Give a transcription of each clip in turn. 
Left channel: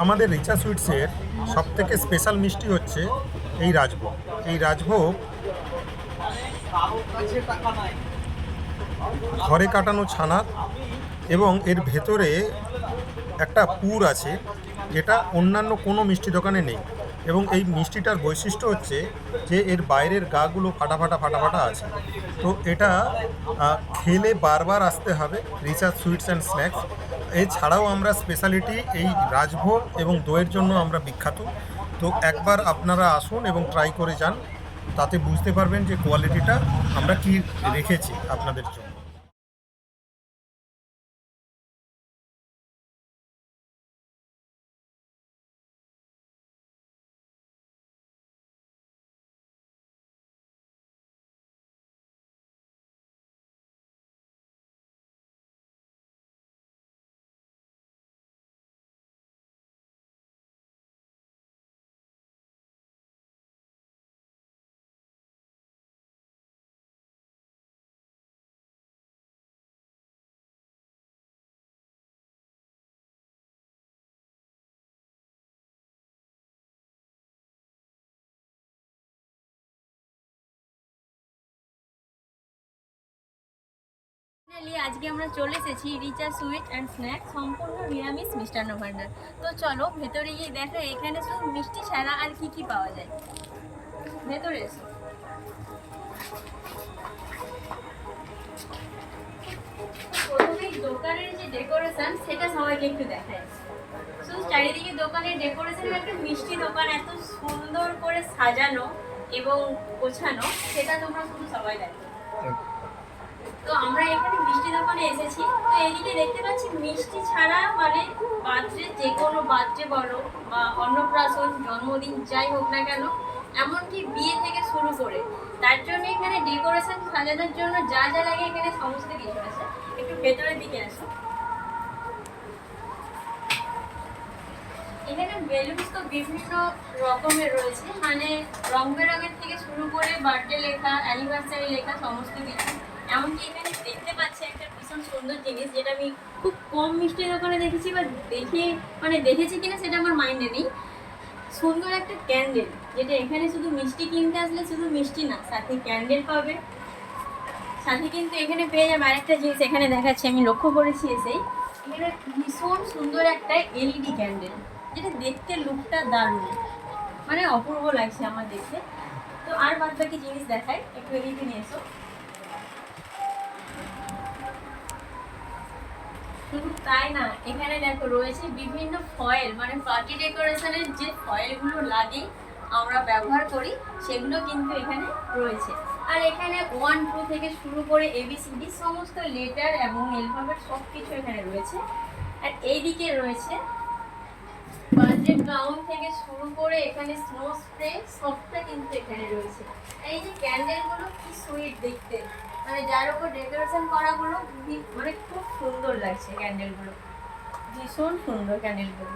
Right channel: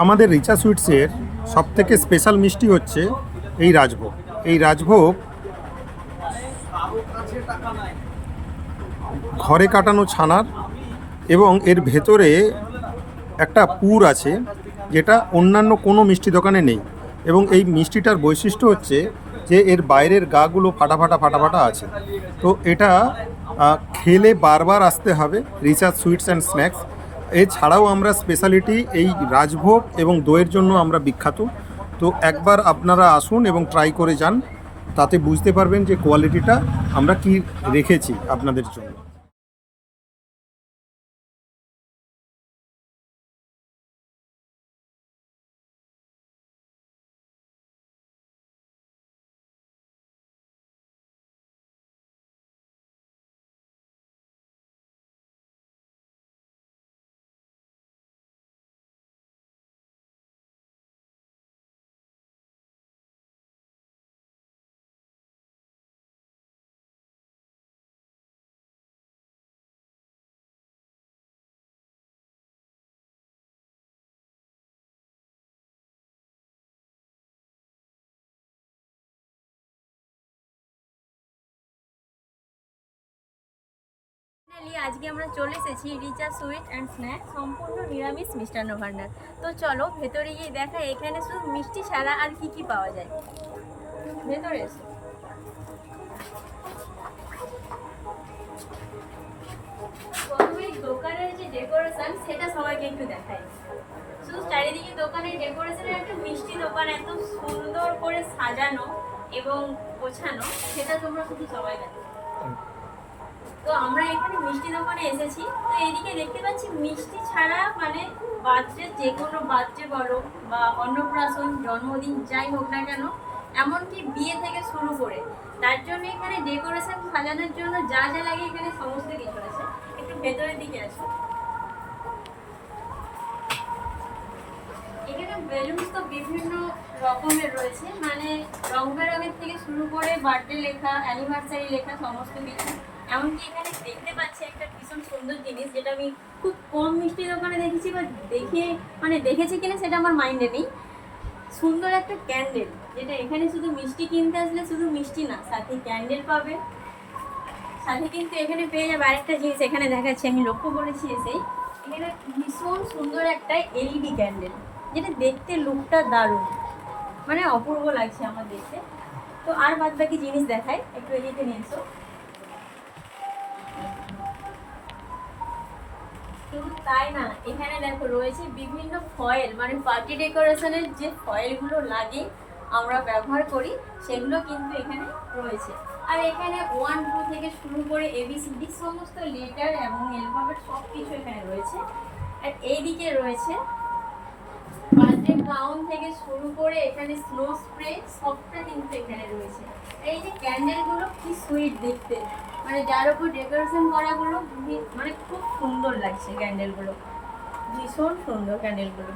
আমাদের রিচা সুইটসের সবথেকে স্পেশাল মিষ্টি হচ্ছে এই রাজভোগ। এই রাজভোগ ঘরে কাটানো ছানার এবং এর ভেতরে একটা পুর আছে যেটা অন্যান্য কোনো মিষ্টি দোকানে নেই। এবং এই মিষ্টিটার বৈশিষ্ট্য হচ্ছে যে এর বাইরের গাগুলো ফাটা ফাটা ফাটা ফাটা আছে। তো এটা খেলে বারবার আসতে হবে রিচা সুইটস অ্যান্ড স্ন্যাক্স। এছাড়াও আমরা স্পেশালিটি এই রাজভোগ এবং দইয়ের জন্য আমরা বিখ্যাত। তো একবার আপনারা আসুন এবং ট্রাই করে যান, তাতে বুঝতে পারবেন যে কোয়ালিটিটা আমরা কি রেখেছি আপনাদের জন্য। আজকে আমরা চলে এসেছি রিচা সুইট অ্যান্ড স্ন্যাক্স, সম্পূর্ণ নিরামিষ মিষ্টান্ন ভান্ডার। তো চলো ভেতরে গিয়ে দেখা এখানে শুধু মিষ্টি ছাড়া আর কি কি পাওয়া যায়। ভেতরে এসো। প্রথমেই দোকানের যে ডেকোরেশন সেটা সবাইকে একটু দেখায়। শুধু চারিদিকে দোকানের ডেকোরেশনের একটা মিষ্টি দোকান এত সুন্দর করে সাজানো এবং গোছানো, সেটা তোমরা শুধু সবাই দেখো। তো আমরা এখানে মিষ্টি দোকানে এসেছি। তো এদিকে দেখতে পাচ্ছি মিষ্টি ছাড়া মানে বার্থডে, যে কোনো বার্থডে বলো বা অন্নপ্রাশন, জন্মদিন যাই হোক না কেন, এমনকি বিয়ে থেকে শুরু করে, তার জন্য এখানে ডেকোরেশন সাজানোর জন্য যা যা লাগে এখানে সমস্ত কিছু আছে। একটু ভেতরের দিকে আসো। এখানে বেলুনস তো বিভিন্ন রকমের রয়েছে, মানে রং বেরঙের থেকে শুরু করে বার্থডে লেখা, অ্যানিভার্সারি লেখা, সমস্ত কিছু। এমনকি এখানে দেখতে পাচ্ছি একটা ভীষণ সুন্দর জিনিস, যেটা আমি খুব কম মিষ্টি দোকানে দেখেছি, বা দেখেছি কিনা সেটা আমার মাইন্ডে নেই। সুন্দর একটা ক্যান্ডেল, যেটা এখানে শুধু মিষ্টি কিনতে আসলে শুধু মিষ্টি না, সাথে ক্যান্ডেল পাবে। সাথে কিন্তু এখানে পেয়ে যাবে আরেকটা জিনিস, এখানে দেখাচ্ছি, আমি লক্ষ্য করেছি এসেই, এখানে ভীষণ সুন্দর একটা এলইডি ক্যান্ডেল, যেটা দেখতে লুকটা দারুণ, মানে অপূর্ব লাগছে আমার দেখতে। তো আর বাদ বাকি জিনিস দেখাই, একটু এদিকে নিয়ে এসো। শুধু তাই না, এখানে দেখো রয়েছে বিভিন্ন ফয়েল, মানে পার্টি ডেকোরেশনের যে ফয়েলগুলো লাগে আমরা ব্যবহার করি, সেগুলো কিন্তু এখানে রয়েছে। আর এখানে 1 2 থেকে শুরু করে ABCD সমস্ত লেটার এবং অ্যালফাবেট সব কিছু এখানে রয়েছে। আর এইদিকে রয়েছে বার্থডে গাউন থেকে শুরু করে এখানে স্নো স্প্রে, সবটা কিন্তু এখানে রয়েছে। আর এই যে ক্যান্ডেলগুলো কি সুইট দেখতে, মানে যার উপর ডেকোরেশন করাগুলো মানে খুব সুন্দর লাগছে। ক্যান্ডেলগুলো ভীষণ সুন্দর, ক্যান্ডেলগুলো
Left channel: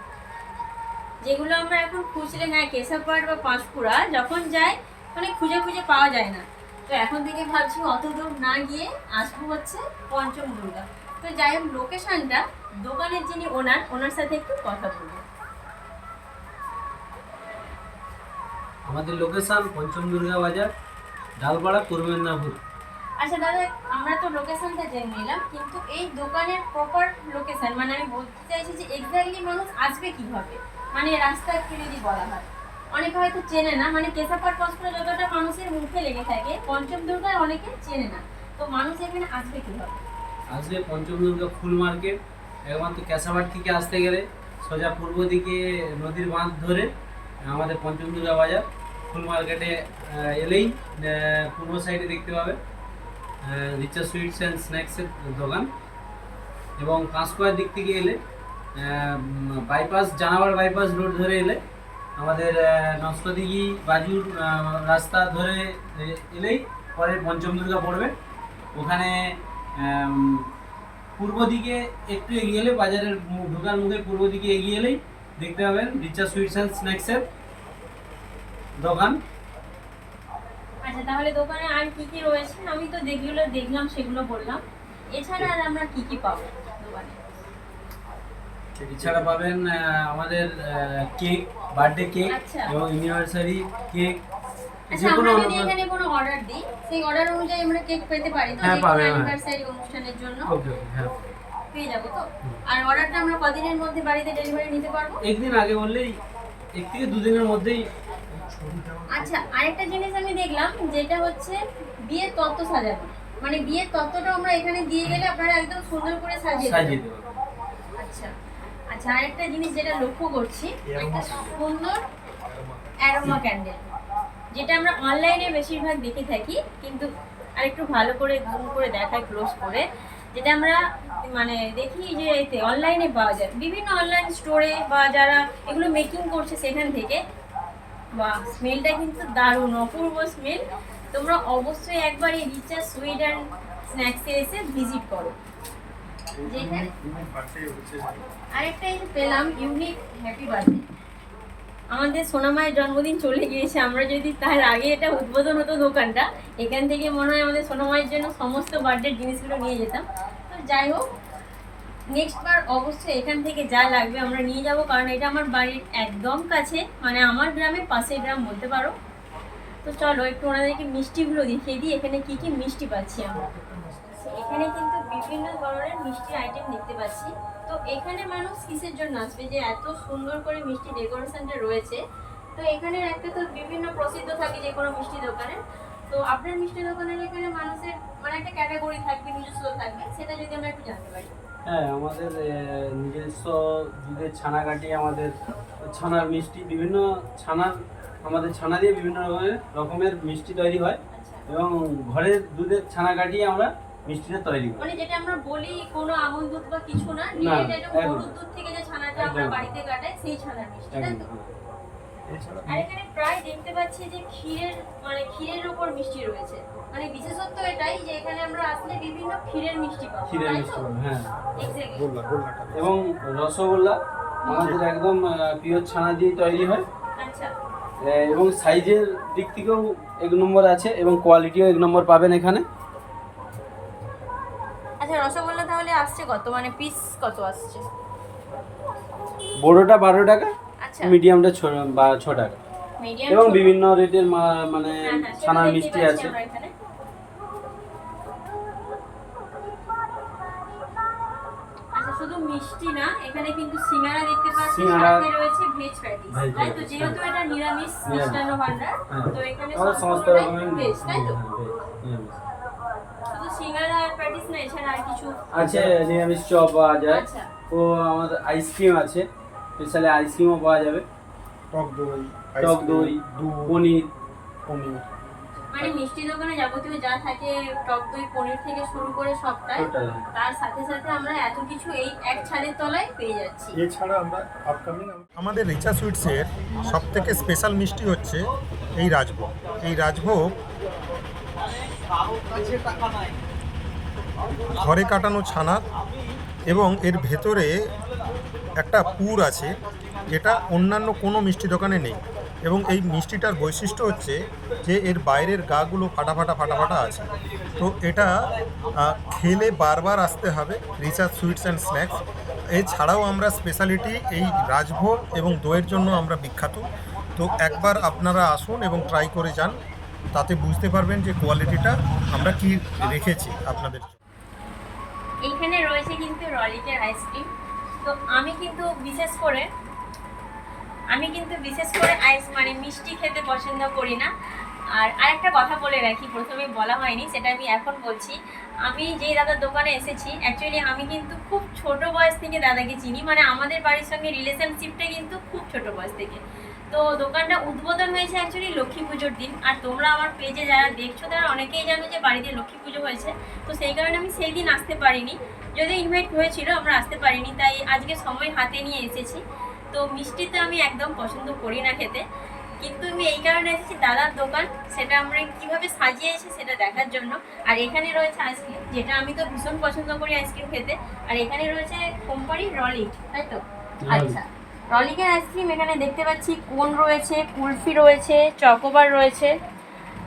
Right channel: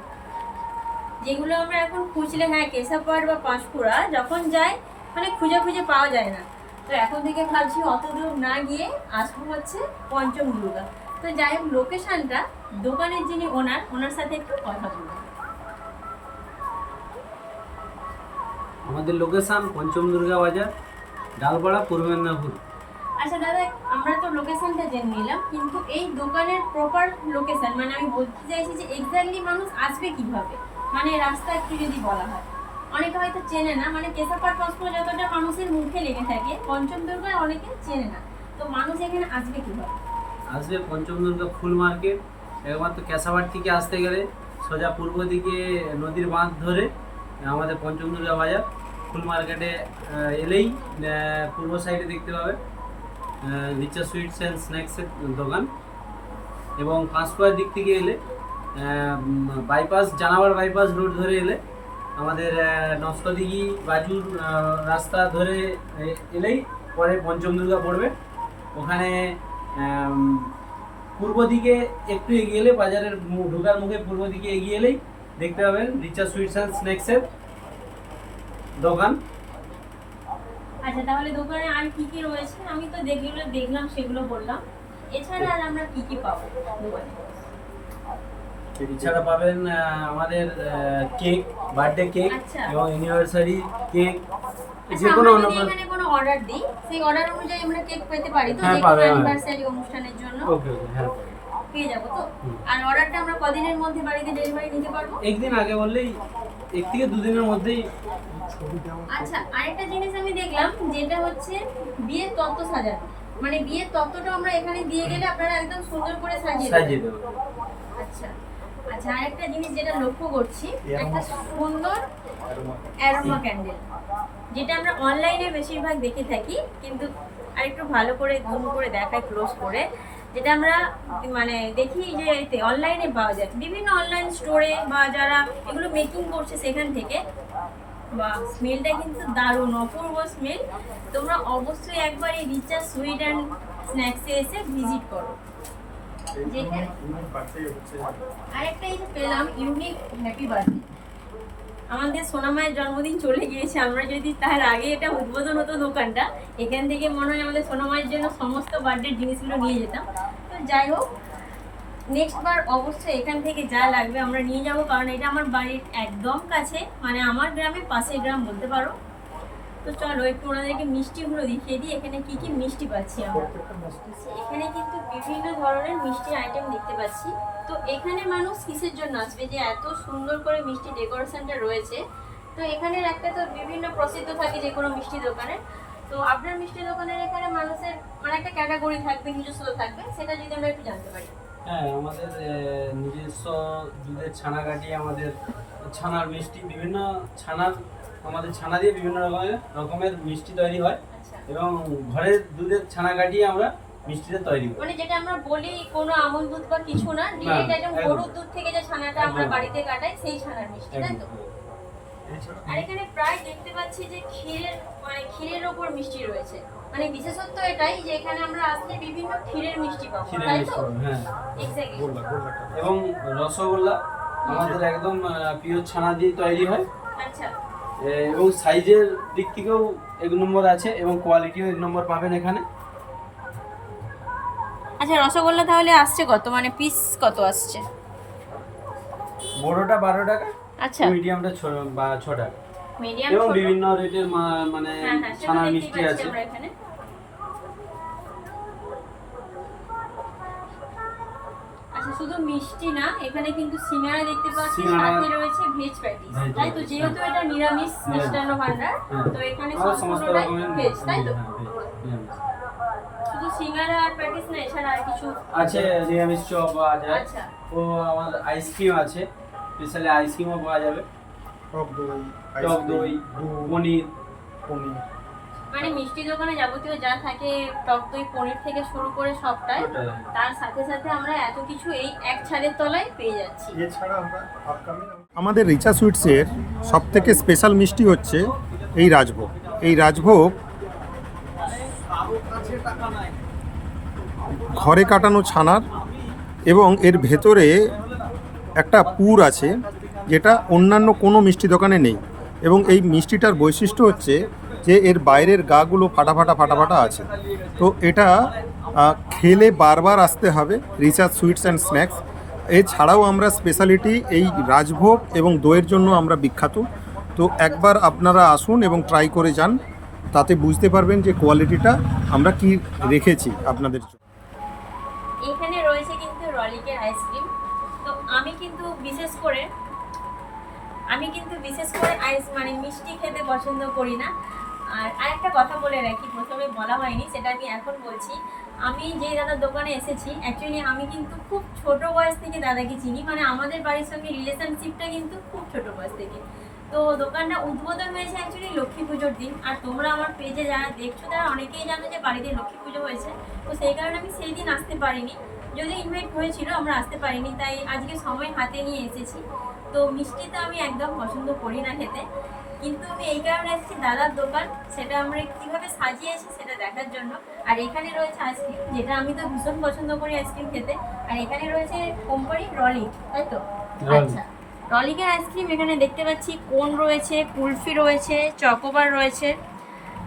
যেগুলো আমরা এখন খুঁজলে, হ্যাঁ কেশাপাড় বা পাঁশকুড়া যখন যাই মানে খুঁজে খুঁজে পাওয়া যায় না। তো এখন থেকে ভাবছি অত দূর না গিয়ে আসবো হচ্ছে পঞ্চম দুর্গা। তো যাই হোক, লোকেশনটা দোকানের যিনি ওনার সাথে একটু কথা বলবো। আমাদের লোকেশন পঞ্চম দুর্গা বাজার, ডালপাড়া, পূর্ব মেদিনীপুর। আচ্ছা দাদা, আমরা তো লোকেশনটা জেনে নিলাম, কিন্তু এই দোকানের প্রপার লোকেশন, মানে আমি বলতে চাইছি যে এক্স্যাক্টলি মানুষ আসবে কিভাবে, মানে রাস্তা একটু যদি বলা হয়। অনেকে হয়তো চেনে না, মানে কেশাপাড় পাঁশকুড়া যতটা মানুষের মুখে লেগে থাকে, পঞ্চম দুর্গায় অনেকে চেনে না। তো মানুষ এখানে আসবে কিভাবে? আসবে পঞ্চম দুর্গা ফুল মার্কেট, একমাত্র কেশাপাড় থেকে আসতে গেলে সোজা পূর্ব দিকে নদীর বাঁধ ধরে আমাদের পঞ্চম দুর্গা বাজার ফুল মার্কেটে এলেই পূর্ব সাইডে দেখতে পাবে রিচা সুইটস অ্যান্ড স্ন্যাক্সের দোকান। এবং পাঁশকুড়ার দিক থেকে এলে বাইপাস, জানাবার বাইপাস রোড ধরে এলে আমাদের নস্কদিঘি বাজুর রাস্তা ধরে এলেই পরে পঞ্চম দুর্গা পড়বে। ওখানে পূর্ব দিকে একটু এগিয়ে এলে, বাজারের ঢোকার মুখে পূর্ব দিকে এগিয়ে এলেই দেখতে পাবেন রিচা সুইটস অ্যান্ড স্ন্যাক্সের দোকান। আচ্ছা, তাহলে দোকানে আর কি কি রয়েছে? আমি তো যেগুলো দেখলাম সেগুলো বললাম, এছাড়া আর আমরা কি কি পাবো দোকানে? এছাড়া পাবেন আমাদের কেক, বার্থডে কেক আচ্ছা। এবং অ্যানিভার্সারি কেক, আচ্ছা, যে কোনো আমরা যদি এখানে কোনো অর্ডার দিই, সেই অর্ডার অনুযায়ী আমরা কেক পেতে পারি তো? হ্যাঁ, যে কোনো পাবেন, হ্যাঁ। অ্যানিভার্সারি অনুষ্ঠানের জন্য ওকে ওকে, হ্যাঁ পাবেন। পেয়ে যাবো তো? আর অর্ডারটা আমরা কদিনের মধ্যে বাড়িতে ডেলিভারি নিতে পারবো? একদিন আগে বললেই 1 থেকে 2 দিনের মধ্যেই আচ্ছা, আরেকটা জিনিস আমি দেখলাম, যেটা হচ্ছে বিয়ের তত্ত্ব সাজানো। মানে বিয়ের তত্ত্বটা আমরা এখানে দিয়ে গেলে আপনারা একদম সুন্দর করে সাজিয়ে সাজিয়ে দেবেন। দেবো। আচ্ছা আচ্ছা, আরেকটা জিনিস যেটা লক্ষ্য করছি, একটা সুন্দর অ্যারোমা ক্যান্ডেল, যেটা আমরা অনলাইনে বেশিরভাগ দেখে থাকি, কিন্তু আরেকটু ভালো করে জুম করে দেখাই ক্লোজ করে, যেটা আমরা মানে দেখি যে এতে অনলাইনে পাওয়া যায় বিভিন্ন অনলাইন স্টোরে, বা যারা এগুলো মেকিং করছে সেখান থেকে। বা স্মেলটা কিন্তু দারুণ, অপূর্ব স্মেল। তোমরা অবশ্যই একবার এই রিচা সুইট অ্যান্ড স্ন্যাক্সে এসে ভিজিট করো। যেখানে আরেকটা এই যে পেলাম, ইউনিক হ্যাপি বার্থডে। আমাদের সোনামায়ের জন্মদিন চলে গিয়েছে, আমরা যদি তার আগে এটা উদ্বোধন হতো দোকানটা, এখান থেকে মনে হয় আমাদের সোনামায়ের জন্য সমস্ত বার্থডের জিনিসগুলো নিয়ে যেতাম। তো যাই হোক, নেক্সট বার অবশ্যই এখান থেকে যা লাগবে আমরা নিয়ে যাব, কারণ এটা আমার বাড়ির একদম কাছে, মানে আমার গ্রামের পাশের গ্রাম বলতে পারো। তো চলো একটু ওনাদেরকে মিষ্টিগুলো দেখিয়ে দিই, এখানে কি কি মিষ্টি পাচ্ছি আমরা। এখানে কিন্তু বিভিন্ন ধরনের মিষ্টি আইটেম দেখতে পাচ্ছি। তো এখানে মানুষ কিসের জন্য আসবে যে এত সুন্দর করে মিষ্টি ডেকোরেশনটা রয়েছে? তো এখানের একটা তো বিভিন্ন প্রসিদ্ধ থাকে যে কোনো মিষ্টি দোকানের। তো আপনার মিষ্টি দোকানের এখানে মানুষের মানে একটা ক্যাটাগরি থাকবে, নিজস্ব থাকবে, সেটা যদি আমরা একটু জানতে পারি। হ্যাঁ, আমাদের নিজস্ব দুধের ছানা কাটিয়ে আমাদের ছানার মিষ্টি, বিভিন্ন ছানার, আমাদের ছানা দিয়ে বিভিন্ন রকমের মিষ্টি তৈরি হয়, আচ্ছা, এবং ঘরের দুধের ছানা কাটিয়ে আমরা মিষ্টিটা তৈরি করি। মানে যেটা আমরা বলি কোনো আমল দুধ বা কিছু না, ডিরেক্ট একদম একদম। গরুর দুধ থেকে যে ছানাটা আমরা একদম। বাড়িতে কাটাই, সেই ছানার মিষ্টি, তাই তো? একদম। আর এখানে প্রায় দেখতে পাচ্ছি যে ক্ষীরের উপর মিষ্টি রয়েছে। মানে বিশেষত্ব এটাই যে এখানে আমরা আসলে বিভিন্ন ক্ষীরের মিষ্টি পাবো, ক্ষীরের তাই মিষ্টি তো? পাবেন, হ্যাঁ। এক্স্যাক্টলি। এবং রসগোল্লা আমাদের একদম পিওর ছানা দিয়ে তৈরি হয়, আচ্ছা এবং সাইজের দিক থেকেও 1 নম্বর আছে, এবং কোয়ালিটিও 1 নম্বর পাবেন এখানে। আচ্ছা, রসগোল্লা তাহলে আসছে কত, মানে পিস কত আসছে? বড়টা 12 টাকা, আচ্ছা, মিডিয়ামটা 6 টাকা, মিডিয়াম এবং বিভিন্ন রেটের মানে হ্যাঁ হ্যাঁ, সেটা ছানার দেখতেই মিষ্টি পাচ্ছি আছে। আমরা এখানে। আচ্ছা, শুধু মিষ্টি না, এখানে কিন্তু সিঙ্গারা দেখতে পাচ্ছি, সিঙ্গারা, সাথে রয়েছে ভেজ প্যাটিস, ভেজ তাই তো? প্যাটিস, যেহেতু এটা নিরামিষ মিষ্টান্ন ভান্ডার, হ্যাঁ। তো এখানে আমাদের সমস্ত সম্পূর্ণটাই রকমের ভেজ, তাই তো? নিরামিষ। শুধু সিঙ্গারা আর প্যাটিস না, এছাড়া আর কিছু? আছে নিরামিষ চপ পাওয়া যায়, আচ্ছা, ও আমাদের আইসক্রিম আছে, স্পেশালি আইসক্রিমও পাওয়া যাবে, টক দই, পনির। মানে মিষ্টি দোকানে যাবতীয় যা থাকে, টক দই, পনির থেকে শুরু করে সবটাই, ওটাই। তার সাথে সাথে আমরা এত কিছু এই এক ছাদের তলায় পেয়ে যাচ্ছি। আমাদের রিচা সুইটসের সবথেকে স্পেশাল মিষ্টি হচ্ছে এই রাজভোগ। এই রাজভোগ ঘরে কাটানো ছানার, এবং এর ভেতরে একটা পুর আছে যেটা অন্যান্য কোনো মিষ্টি দোকানে নেই। এবং এই মিষ্টিটার বৈশিষ্ট্য হচ্ছে যে এর বাইরের গাগুলো ফাটা ফাটা আছে। তো এটা খেলে বারবার আসতে হবে রিচা সুইটস অ্যান্ড স্ন্যাক্স। এছাড়াও আমরা স্পেশালিটি এই রাজভোগ এবং দইয়ের জন্য আমরা বিখ্যাত। তো একবার আপনারা আসুন এবং ট্রাই করে যান, তাতে বুঝতে পারবেন যে কোয়ালিটিটা আমরা কি রেখেছি আপনাদের জন্য। এখানে রয়েছে কিন্তু রলিকের আইসক্রিম। তো আমি কিন্তু বিশেষ করে মানে মিষ্টি খেতে পছন্দ করি না। আর আরেকটা কথা বলে রাখি, প্রথমে বলা হয়নি, সেটা আমি এখন বলছি। আমি যেই দাদার দোকানে এসেছি, অ্যাকচুয়ালি আমি কিন্তু খুব ছোট বয়স থেকে দাদাকে চিনি, মানে আমাদের বাড়ির সঙ্গে রিলেশনশিপটা কিন্তু খুব ছোট বয়স থেকে। তো দোকানটা উদ্বোধন হয়েছে অ্যাকচুয়ালি লক্ষ্মী পুজোর দিন। আর তোমরা আমার পেজে যারা দেখছো তারা অনেকেই জানো যে বাড়িতে লক্ষ্মী পুজো হয়েছে। তো সেই কারণে আমি সেই দিন আসতে পারিনি, যদিও ইনভাইট হয়েছিল, আমরা আসতে পারিনি, তাই আজকে সময় হাতে নিয়ে এসেছি। তো মিষ্টিটা আমি একদম পছন্দ করি না খেতে, কিন্তু আমি এই কারণে এসেছি দাদার দোকান, সেটা আমরা কিভাবে সাজিয়েছি সেটা দেখার জন্য। আর এখানে রয়েছে আইসক্রিম, যেটা আমি তো ভীষণ পছন্দ করি আইসক্রিম খেতে। আর এখানে রয়েছে কোম্পানি রলিক, তাই তো? আচ্ছা, রলিকের আইসক্রিম এখানে দেখতে পাচ্ছি, কোন রয়েছে, কুলফি রয়েছে, চকোবার রয়েছে।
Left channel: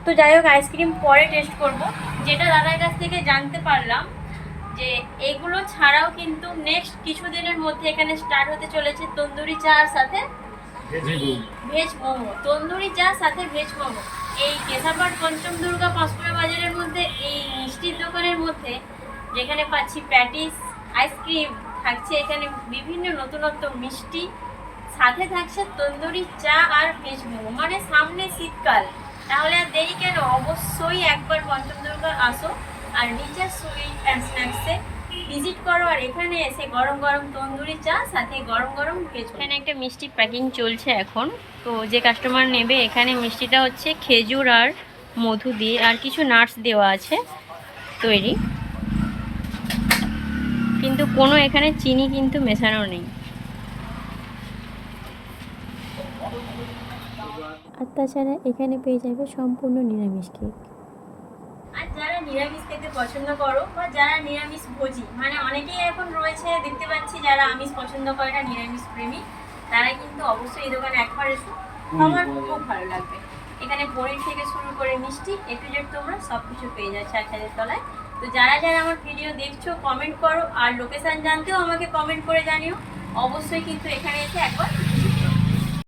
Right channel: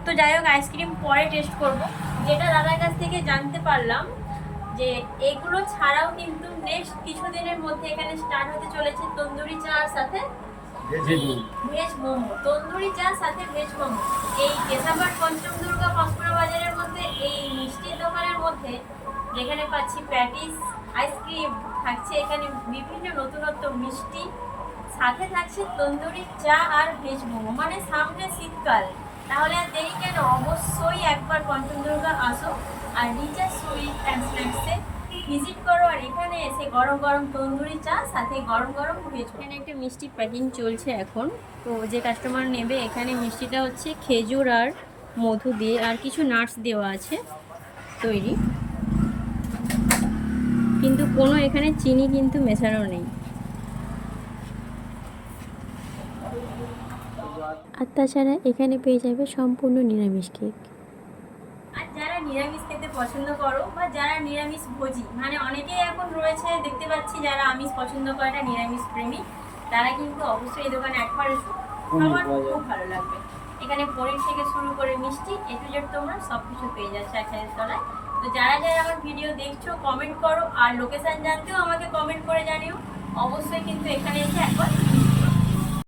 তো যাই হোক, আইসক্রিম পরে টেস্ট করব। যেটা দাদার কাছ থেকে জানতে পারলাম যে এগুলো ছাড়াও কিন্তু নেক্সট কিছুদিনের মধ্যে এখানে স্টার্ট হতে চলেছে তন্দুরি চার সাথে ভেজ মোমো। তন্দুরি চা সাথে ভেজ মোমো এই কেশাপাড় পঞ্চম দুর্গা পাঁশকুড়া বাজারের মধ্যে এই মিষ্টির দোকানের মধ্যে, যেখানে পাচ্ছি প্যাটিস, আইসক্রিম, থাকছে এখানে বিভিন্ন নতুনত্ব মিষ্টি, সাথে থাকছে তন্দুরি চা আর ভেজ মোমো। মানে সামনে শীতকাল, তাহলে আর দেরি কেন, অবশ্যই একবার পঞ্চম দুর্গা আসো আর রিচা সুইট অ্যান্ড স্ন্যাক্সে ভিজিট করো, আর এখানে এসে গরম গরম তন্দুরি চা সাথে গরম গরম ভেজ। এখানে একটা মিষ্টি প্যাকিং চলছে এখন, তো যে কাস্টমার নেবে এখানে মিষ্টিটা হচ্ছে খেজুর আর মধু দিয়ে আর কিছু নাটস দেওয়া আছে তৈরি, কিন্তু কোনো এখানে চিনি কিন্তু মেশানো নেই। আর তাছাড়া এখানে পেয়ে যাবে সম্পূর্ণ নিরামিষ কেক। আর যারা নিরামিষ খেতে পছন্দ করো বা যারা নিরামিষ ভোজি, মানে অনেকেই এখন রয়েছে দেখতে পাচ্ছি যারা আমিষ পছন্দ করে না, নিরামিষ প্রেমী, তারা কিন্তু অবশ্যই এই দোকানে একবার এসো, আমার খুব ভালো লাগবে। এখানে পনির থেকে শুরু করে মিষ্টি এ টু জেড তোমরা সব কিছু পেয়ে যাচ্ছে এক ছাদের তলায়। তো যারা যারা আমার ভিডিও দেখছো কমেন্ট করো, আর লোকেশন জানতেও আমাকে কমেন্ট করে জানিও, অবশ্যই কিন্তু এখানে এসে একবার